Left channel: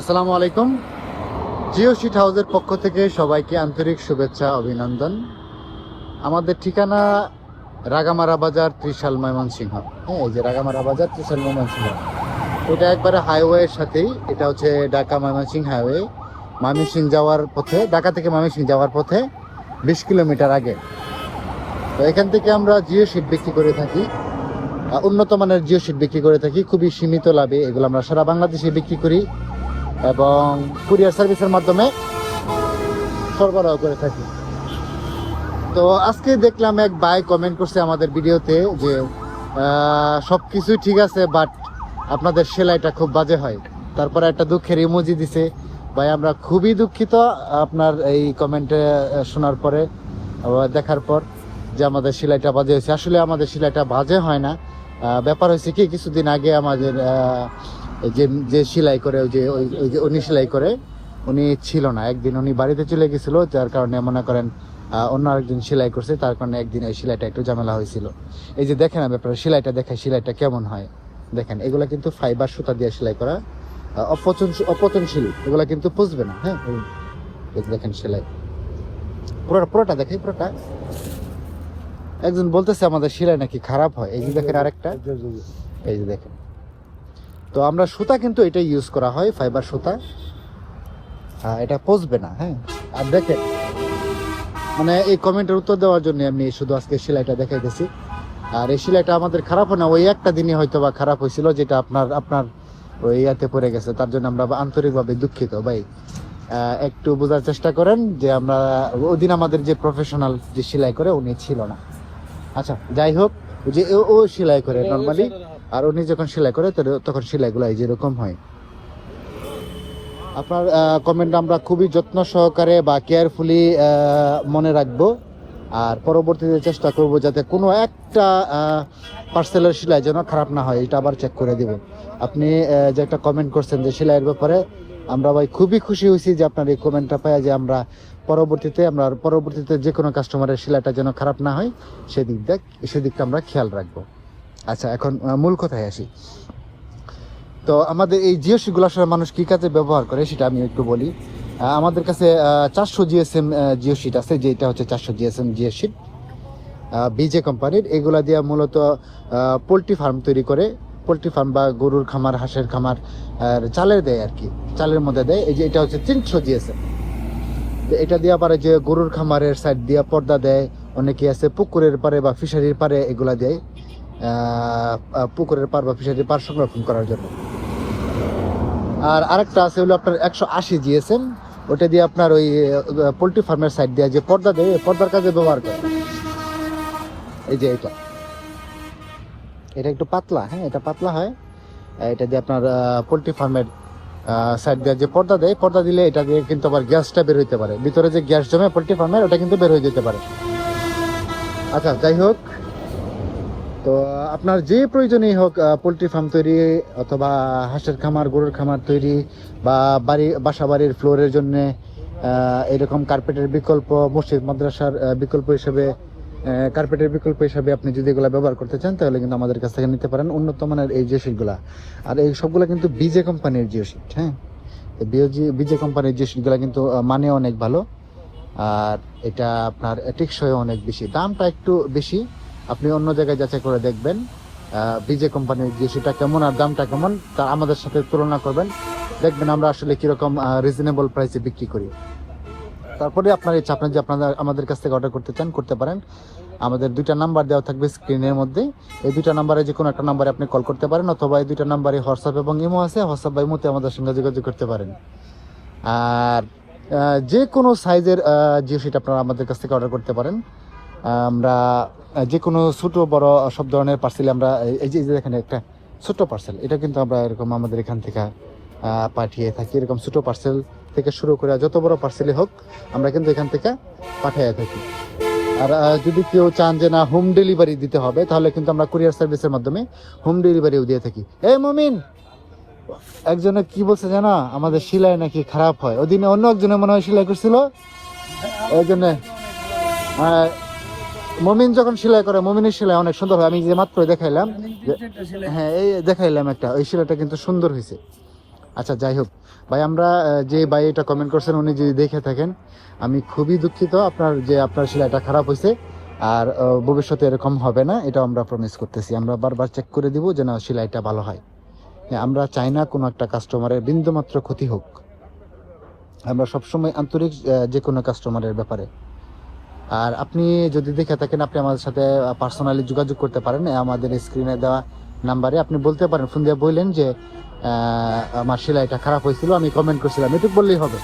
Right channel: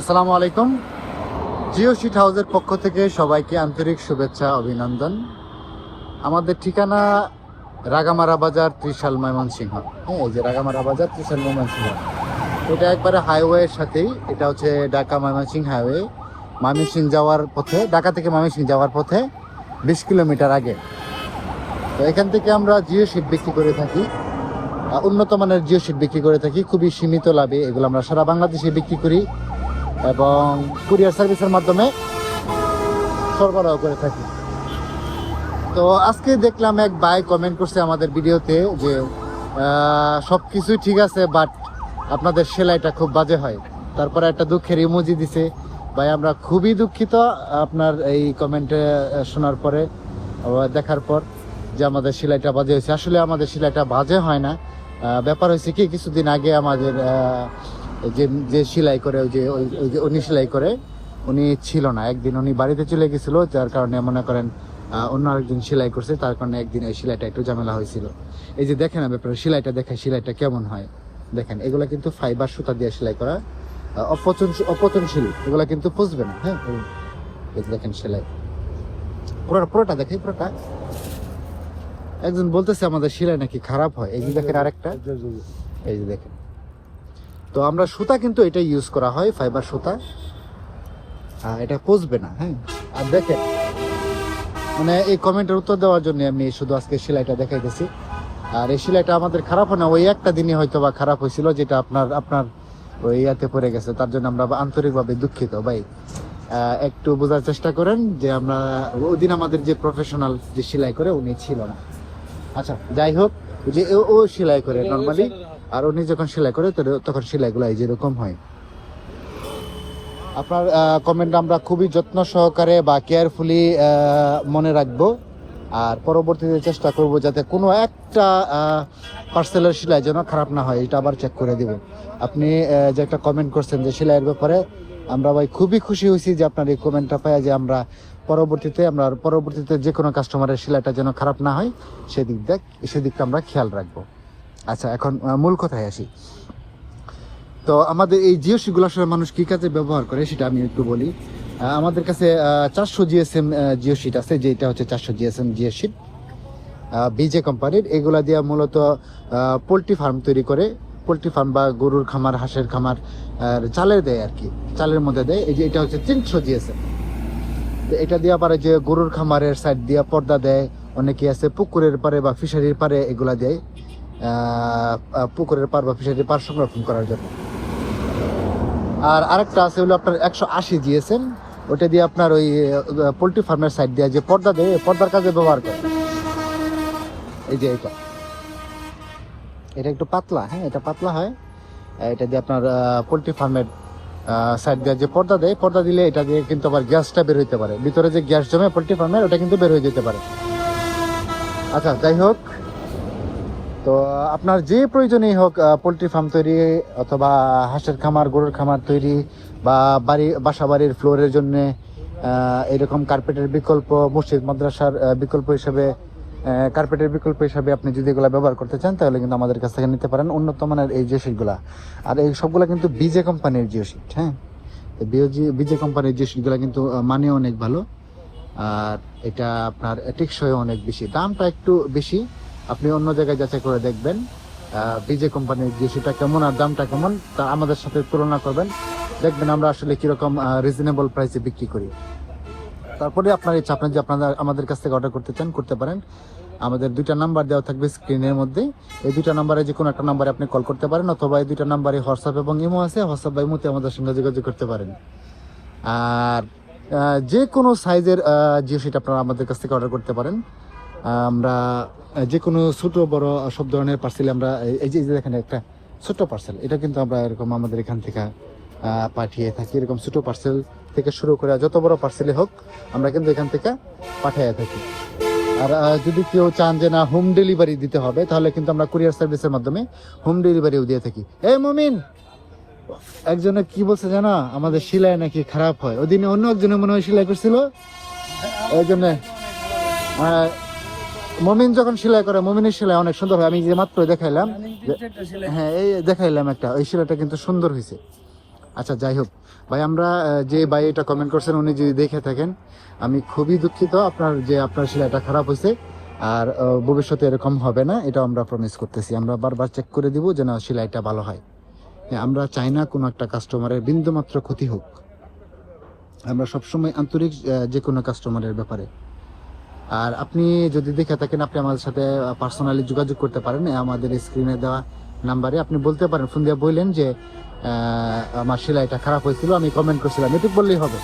আসসালামু আলাইকুম। জিও শিট হাউসের পক্ষ থেকে সবাইকে আন্তরিক শুভেচ্ছা অভিনন্দন। আমাদের ঠিকানা রাগামারা বাজার, ত্রিশাল, ময়মনসিংহ। হ্যাঁ, এই যে রাগামারা বাজার, ত্রিশাল, ময়মনসিংহ। এটা একবারে হাইওয়ের সাথেই। এটা হচ্ছে ঢাকা ময়মনসিংহ হাইওয়ে। ময়মনসিংহ যাওয়ার পথে, ঢাকা থেকে ময়মনসিংহ যাওয়ার পথে 20 কিলোমিটার আগে। তো এখান থেকে আমরা জিও শিট বিক্রি করে থাকি, উন্নত মানের জিও শিট বিক্রি করে থাকি খুবই সীমিত লাভে। এগুলো আমরা সারা বাংলাদেশে বিক্রি করি এবং কুরিয়ার সার্ভিসের মাধ্যমে সরবরাহ করে থাকি। তো আজকে দেখলাম এক ভাই কমেন্ট করছে আমাদের ভিডিওতে যে সবকিছুই ঠিক আছে, বাট আপনাদের সেলাইটা খুব বাজে হয়। তারপরে একটা দুঃখের ইমোজি দিছে। ভাই, আমরা খুবই দুঃখিত আপনার এই কমেন্টে শোনার পরে, দেখার পর, যে আমাদের সেলাইটা বাজে হয়েছে। আসলে আমাদের সেলাইটা বাজে হয় না। ব্যাপার হয়েছে কি, কিছুদিন আগে আমাদের যে সেলাই করে, ওই যে উনি সেলাই করে, উনি ছিল না। একদিন উনি বাড়িতে চলে গেছিল, যার কারণে মনে করেন অন্য আরেকজন সেলাই করছে, তার কারণে একদিন ওই সেলাইটা একটু ঝামেলা হয়েছিল। এই যে দেখেন, ব্যাপারে সেলাইটা দেখেন, সেলাইটা কেমন হয় দেখেন। এগুলা কিন্তু ফাইবার সুতা দিয়ে সেলাই করা, অপচনশীল। এগুলা কিন্তু বুঝবে না। হ্যাঁ, এই যে দেখেন সেলাই পুরোটা দেখেন, পুরোটা। একজন বলতেছে আমাদের সেলাই নাকি খারাপ হয়। এই যে দেখেন আরেকটা, এই যে দেখেন। তো আমরা সুতা কিন্তু এটা ইউজ করা হয়, ফাইবার সুতা। এটা পচবে না। হ্যাঁ, আর দেখেন, মানে এই কমেন্টের উত্তর দেওয়ার জন্য আমি শুধু আজকে সেলাইটা দেখাইতেছি। আর এই সেলাইটা আমাদের খারাপ হয় না, ওই একটা দিনই হয়তো বা খারাপ হয়েছিল, যেটা আপনার ওই ইয়াতে পড়ে গেছে। তার জন্য আমরা আন্তরিকভাবে দুঃখিত ভাই। একটু বোঝার চেষ্টা করেন যে আমরা ওই দিন আমাদের যে প্রফেশনাল যে সেলাই করে উনি ছিল না। আচ্ছা, যাই হোক, যে ও সেলাই করে নর্মালি, আর উনি যখন সেলাই করে তখন সেলাইগুলো এই যেরকম হয়। আপনার কমেন্ট আমরা খুবই যত্ন সহকারে বা কেয়ারফুলি মনে রাখবো, আর পরবর্তীতে চেষ্টা করব যাতে কোনো একটা পার্সেলের সেলাই যেন খারাপ না হয়, এটা আবার চেক করে দিব। আপনি যে একটা কমেন্ট করছেন যে সেলাইয়ের ব্যাপারে, আমরা ভাই খুবই খুশি হয়েছি যে আপনার এই কমেন্টটা পাই, যে আমরা পরবর্তীতে যে কোনো কাস্টমারের সেলাইটা যেন খারাপ না হয় সেদিকটা আমরা খেয়াল রাখবো। আচ্ছা, এখন মূল কথায় আসি। তো আমাদের এই জিও শিটগুলো আসলে মানুষ কি কাজে ব্যবহার করে সেটা আমি একটু বলি। আমাদের কাছে 400 জিএসএম জিও শিট আছে, যেটা হচ্ছে 400 জিএসএম জিও শিট, বিজে কোম্পানির। এগুলা দিয়ে মূলত পোলট্রি ফার্ম তৈরি করে, পোলট্রি ফার্ম বা গরুর খামার, হাঁসের খামার চালের দেয় আর কি, চালের মধ্যে দেয়। এই যে এটা হচ্ছে 300 জিএসএম। এটা দিয়ে পারে যে গরুর খামারের সাইড দিয়ে পর্দা দেয়। অনেকে আছে পুকুরের পারে বা ফিশারির পারে এগুলা দেয়, পুকুরের পার বা ফিশারির পার সংরক্ষণ করার জন্য। আর আরেকটা আছে হলো আপনার 180 জিএসএম। ওটা দিয়ে আপনার ওই পোল্ট্রি ফার্মের সাইড দিয়ে যে পর্দা দেয়, পর্দার কাজে ব্যবহার করে। এই যে এটা একটু পাতলা। হ্যাঁ, এটা পাতলা হয়। এটা দিয়ে আপনার পোল্ট্রি ফার্মের সাইড দিয়ে যে পর্দা দেয়, পর্দা দিলে এটা দিয়ে কিন্তু আবার গ্যাসটা বের হইতে পারে, ভিতরে যে গ্যাস জমে পোল্ট্রি ফার্মের, ওটা কিন্তু বের হয়ে যেতে পারে। আচ্ছা, যাই হোক, তো আপনার যে প্রয়োজনই হোক, পোলট্রি ফার্ম তৈরি অথবা হাঁসের খামার, গরুর খামার তৈরি, বা বাসা বাড়ির ফ্লোরের জন্য এরকম কার্পেটের বিকল্প, মসজিদ মাদ্রাসার বিকল্প হিসেবে, কার্পেটের বিকল্প হিসাবে আপনি যদি এগুলো ব্যবহার করতে চান, তাহলে কিন্তু আমাদের কাছ থেকে নিতে পারেন উন্নত মানের এই জিও শিটগুলা। আর এই সবগুলা কিন্তু বিজে কোম্পানির জিও শিট। হ্যাঁ, বিজে কোম্পানির জিও শিটগুলা কিন্তু মানে অনেক ভালো, আর এটা আপনার টেকসই অনেক বেশি। দামটা একটু বেশি, আপনি অন্য জায়গায় যাচাই করে দেখবেন বিজে কোম্পানির যে সেটা কেমন আর দামটা কেমন, তা আমাদের সাথে তুলনা করবেন, দেখবেন আমরা আসলে কিরকম রিজনেবল প্রাইসে বিক্রি করি। তারপরে আপনার ইচ্ছা, আপনি যে আমাদের কাছ থেকে অর্ডার করতে চান করতে পারেন। আমাদের 2টা নাম্বার দেওয়া থাকবে স্ক্রিনের মধ্যে। এই 2টা নাম্বারে যে কোনো একটা নাম্বারে আপনি কল করতে পারেন, অথবা এই 2টা নাম্বারে হোয়াটসঅ্যাপ এবং ইমো আছে, হোয়াটসঅ্যাপ বা ইমোতে আমাদের সঙ্গে যোগাযোগ করতে পারেন। আর যে কোনো সাইজের জিও শিট আপনারা আমাদের কাছ থেকে অর্ডার করতে পারেন। আমরা যে কোনো ছোট বড় সব ধরনের পার্সেল আমরা, এই যে এখানে একটা ছোট পার্সেল, এটা কিন্তু আমরা এরকম আমাদের এখান থেকে পাঠিয়ে থাকি। এরকম ছোট পার্সেল থেকে শুরু করে যত বড় পার্সেলই হোক, আমরা কিন্তু এখান থেকে পাঠিয়ে থাকি। আর যদি কেউ চান যে না হোম ডেলিভারি দিতে হবে, তাহলে কিন্তু আমরা কুরিয়ার সার্ভিসের মাধ্যমে হোম ডেলিভারিও দিয়ে থাকি। এই মমিন, একজনে কি বলছে জানা, আমাদের সেলাই নাকি খারাপ হয়। ওদিনে অন্য একজনে মনে হয় সেলাই করছিল, ওই জন্য মমিন যখন সেলাই করে, মমিনের সেলাই অনেক সুন্দর হয়। আমি যে মাত্র দেখাইলাম, হ্যাঁ এই দেখাইলাম একটা, ওই সেলাইটা কিন্তু সুন্দর হয়েছে। আচ্ছা যাই হোক ভাই, আমরা যে ভাই এটা কমেন্ট করছেন উনি যদি দেখে থাকেন, আমি খুবই দুঃখিত আপনার সেলাইটা খারাপ হয়েছে। আর ভবিষ্যতে এরকম হবে না, এটা আমরা প্রমিস করতেছি। আমরা বারবার চেক করে দিব যেন সেলাইটা ভালো হয়। আমরা চাই না কোনো একটা কাস্টমারের বিন্দুমাত্র ক্ষতি হোক। আমরা সবসময় আন্তরিক যে কোনো কাস্টমারের ব্যাপারে। আর আপনি যদি দেখে থাকেন, আপনি আমাদের সাথে পার্সোনালি যোগাযোগ করতে পারেন আমাদের স্ক্রিনে দেওয়া নাম্বারে। আপনি বলতে পারেন, ফোন দিয়ে বললেন যে আমার সেলাইটা খারাপ হয়েছিল, আমি কমেন্ট করছিলাম, এটুকু বললেই হবে।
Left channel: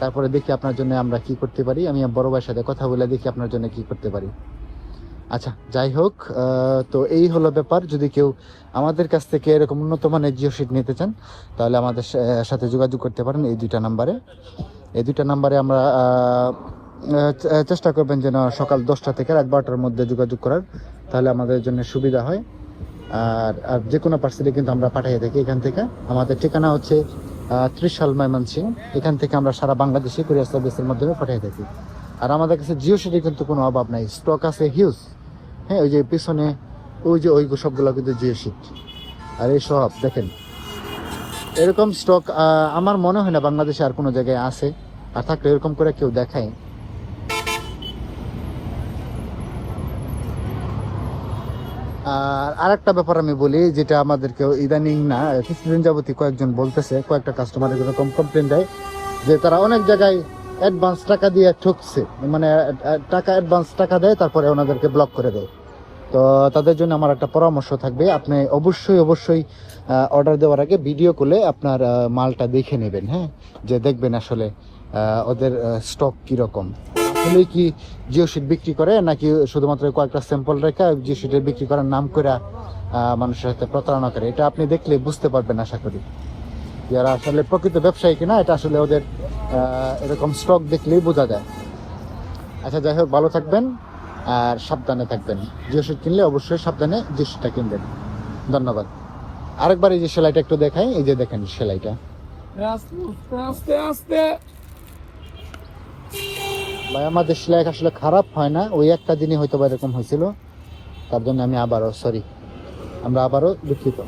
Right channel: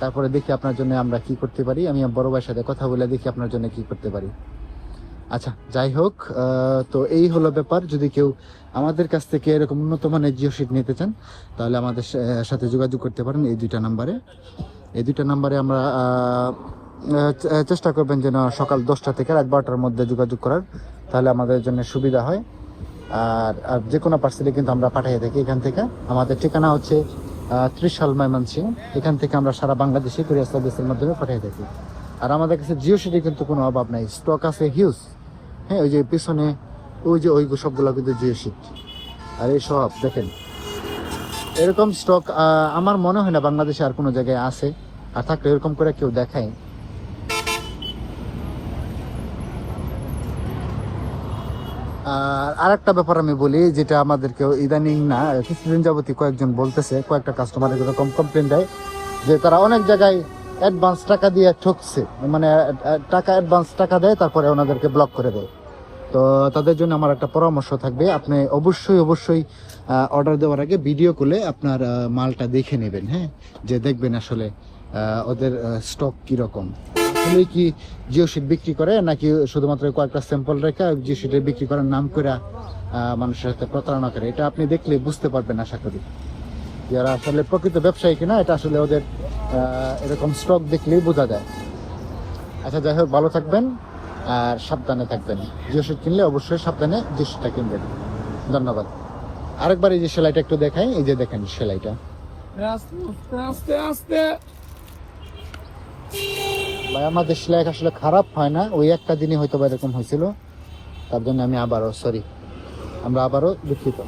তারপরে দেখি আপনার জন্য আমরা কি করতে পারি। আমি বড় ভাইয়ের সাথে কথা বলে দেখি আপনার জন্য কি করতে পারি। আচ্ছা যাই হোক, তো এই হলো ব্যাপার। যদি কেউ আমাদের কাছ থেকে এরকম উন্নত মানের জিও শিট নিতে চান, তাহলে আমাদের সাথে যোগাযোগ করতে পারেন এই দুইটা নাম্বারে। আমরা চেষ্টা করবেন যেন সকাল 10টা থেকে রাত 12টার মধ্যে যোগাযোগ করার, তাহলে আমাদের জন্য সুবিধা হয়। আর যে কোনো পার্সেলে কিন্তু আমরা পাঠিয়ে থাকি এখান থেকে। আমাদের ঠিকানা হচ্ছে ত্রিশাল ময়মনসিংহ। এখান থেকে আমরা সারা বাংলাদেশে কুরিয়ার সার্ভিসের মাধ্যমে পাঠিয়ে থাকি। আর আমাদের কাছে জিও শিটের কিন্তু কোনো অভাব নাই, স্টক আছে হিউজ। হ্যাঁ, ওই যে পিছনে ওই সবগুলো কিন্তু জিও শিট। আর এই সব দেখেন, এরকম স্টক আমার মনে হয় না বাংলাদেশে আর কোনো জায়গায় আছে। আর থাকলে এরকম করে কেউ দেখায়। আর একটা ব্যাপার আমি বলি, যেটা আমাদেরকে ইদানিং না কিছুদিন যাবতীয় কয়েকজন বলতেছে, কয়েকটা কাস্টমার এরকম কমপ্লেন দেয় যে তারা অনেক জায়গায় অ্যাডভান্স টাকা দিয়ে ঠকছে, মানে অ্যাডভান্স টাকা দেয় তারপরে ওনাদেরকে ব্লক করে দেয়। তো তাদের জন্য আমার একটা পরামর্শ থাকবে, আপনি অবশ্যই অর্ডার দেওয়ার আগে ভিডিও কলে আপনার মালটা দেখে নেবেন। হ্যাঁ, যে দেখবেন আসলে ওদের স্টক কিরকম, আসলে কি জিও শিট বিক্রি করে নাকি শুধুমাত্র কয়েকটা স্যাম্পল রেখে জিও শিটের বিক্রি করার নাম করে মানুষের সাথে প্রতারণা করে। এটা আপনি দেখলে বুঝতে পারবেন আশা করি যারা আসলে প্রকৃত ব্যবসায়ী কিনা। এটা আসলে ওদের এরকম স্টক দেখলেই বোঝা যায়। আচ্ছা যাই হোক, ভালো থাকবেন আর সাবধানে থাকবেন। জিও শিট কিনলে অবশ্যই সাবধানে জিও শিটটা কিনবেন। ধন্যবাদ। আরেকবার এই যে সেলাইটা একটু দেখাই, এই যে দেখেন সেলাইটা। ভাই আমাদের সেলাই আসলে খারাপ হয় না, ওই একটা দিনই হয়তো বা এরকম হয়েছিল, তার জন্য আমি আবারও সরি, আমরা আবারও দুঃখিত।